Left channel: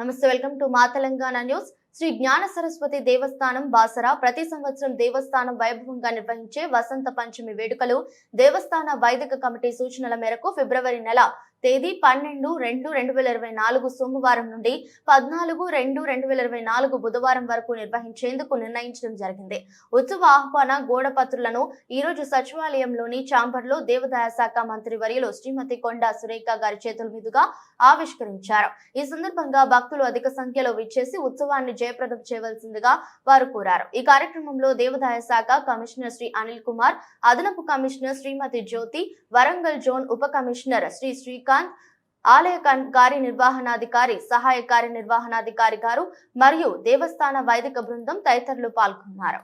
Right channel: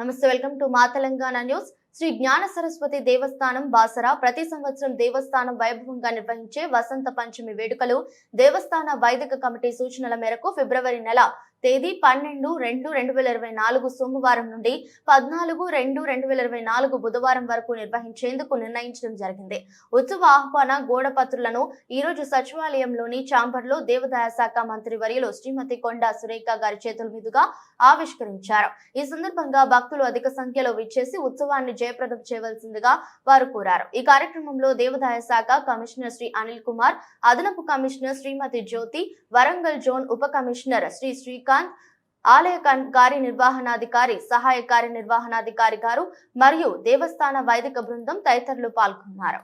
నమస్తే, welcome to మా Telangana news. Shri జ్ఞాన సరస్వతి దేవస్థానం బాసరా ప్రతి సంవత్సరం దేవస్థానం వైభవంగా నిర్వహించే వసంత పంచమి వేడుకలు దేవస్థాన వైదిక కమిటీ సూచనల మేరకు ఫిబ్రవరి నెల తేదీ 12-2-2024 సోమవారం నుండి 14-2-2024 బుధవారం వరకు నిర్వహించేందుకు నిర్ణయించడం జరిగింది. ఉత్సవ ఆహ్వాన గోడపత్రులను ఈ రోజు సచివాలయంలోని ఛాంబర్లో దేవాదాయ శాఖ మంత్రి వర్యులు శ్రీమతి కొండా సురేఖ గారి చేతుల మీదుగా ఆవిష్కరించారు. ఈ సందర్భంగా భక్తులు అధిక సంఖ్యలో విచ్చేసి ఉత్సవాన్ని జయప్రదం చేయవలసిందిగా వారు కోరారు. ఈ కార్యక్రమంలో దేవాదాయ శాఖ కమిషనర్ శ్రీ అనిల్ కుమార్, అదనపు కమిషనర్ శ్రీమతి జ్యోతి, వరంగల్ జోన్ ఉప కమిషనర్ శ్రీ శ్రీకాంత్, ఆలయ కార్యనిర్వహణాధికారి, సహాయ కార్యనిర్వహణాధికారి గారు మరియు దేవస్థాన వైదిక బృందం తదితరులు పాల్గొన్నారు.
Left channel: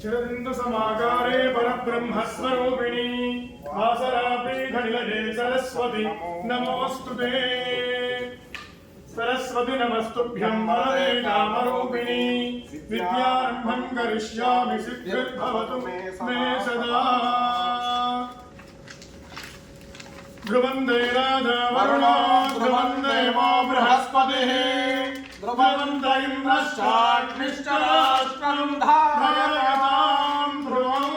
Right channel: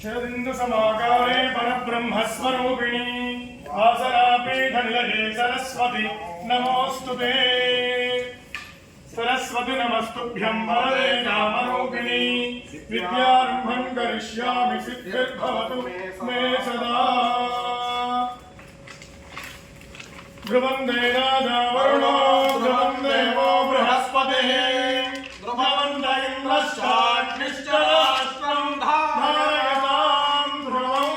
శరదిందు సమాకారే పరబ్రహ్మస్వరూపిణి వాసరాపీఠనిలయే సరస్వతి నమోస్తుతే. సరస్వతి నమస్తుభ్యం వరదే నామరూపిణి విద్యారంభం కరిష్యామి సిద్ధిర్భవతు మే సదా. ధ్రువందే రాజా వరుణో ధ్రువం దేవో బృహస్పతిః ధ్రువంత ఇంద్రశ్చాగ్నిశ్చ రాష్ట్రం ధారయతాం ధ్రువం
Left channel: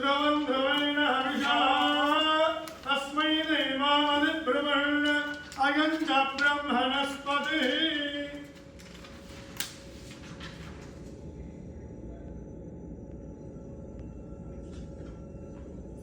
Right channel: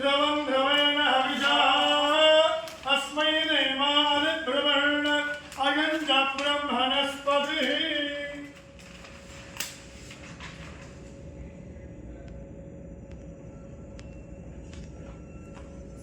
ధ్రువం ధ్రువేణ హవిషా అస్మై దేవాదిబ్రువణ్ అయం చ బ్రహ్మణస్పతిః.